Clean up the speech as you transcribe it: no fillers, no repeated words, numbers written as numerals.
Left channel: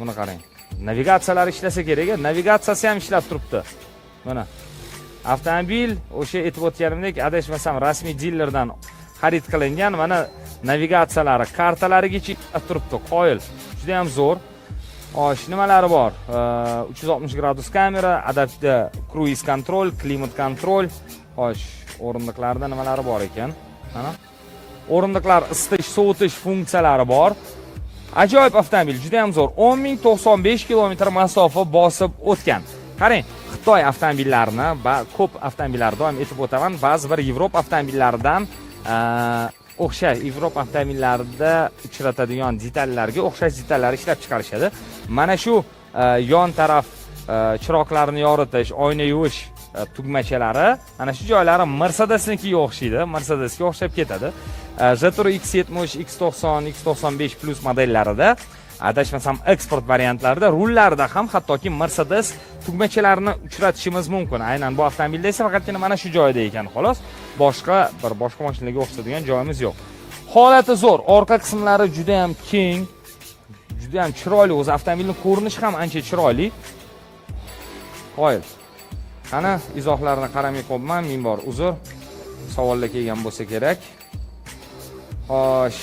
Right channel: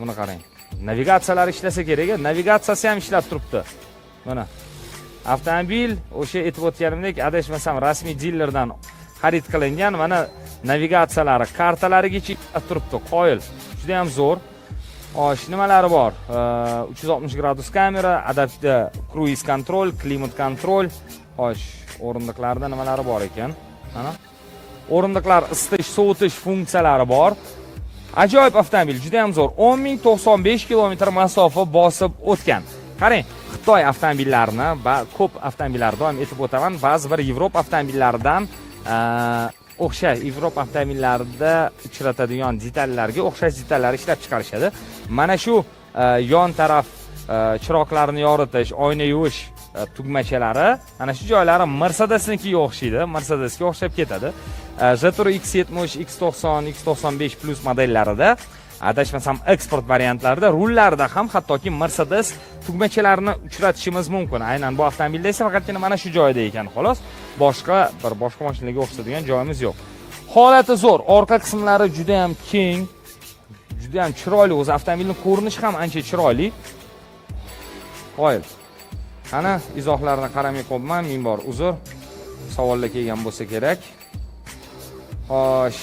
buni qarang. Navigatsiyalar ishlasa kerak, navigatsiyasi ham ishlab turibdi. Mana avtomobil o'sha aytib o'tganimdek, adashmasam rasmiy dilerdan xarid qilingan, mana navigatsiyalari, kartalarigacha ishlab turibdi. Qoyil. Juda ham zo'r. Xo'sh, nimalari bor? 360 gradus kamera, adaptiv cruise control, klimat control. Xo'sh, o'rindiqlarda nimalari bor ekan? Mana o'rindiqlar isitish, sovutish funksiyalari bor. Ajoyib avtomobil, juda ham zo'r. 10.095 kilometr masofa bosib o'tgan. Qarang, Xitoy avtomobillarini va ko'p avtomobillar doim aytib o'taman, ba'zi bir Yevropa avtomobillaridan o'xshash Yevropa avtomobillarida uchratadigan detallarga o'xshash detallar ishlab chiqarishadi. Mana shu yon taraf chiroqlarni yoritish, oyna yuvish tugmachalari, mana shu joylari Mercedesnikiga o'xshaydi, Mercedesga o'xshab ketadi. Jetour X70, X90, X95 Plus modellarida, adashmasam eksport variantlarida, rullarida ham hattoki Mercedes tugmachalarini uchratishimiz mumkin. Aynan bu avtomobilda esa faqatgina mana shu joyda ekan, xolos. Boshqa mashinaga o'xshatadigan joyimiz yo'q. Holati zo'r, orqa qismlari juda ham keng, juda ham chiroyli, o'zi avtomobilning ko'rinishi ham ancha chiroyli. Qo'y. Qani izohlarni qaramay qo'yman, ming bor uzr. Savollar kelgan bo'lsa kerak. Xo'sh.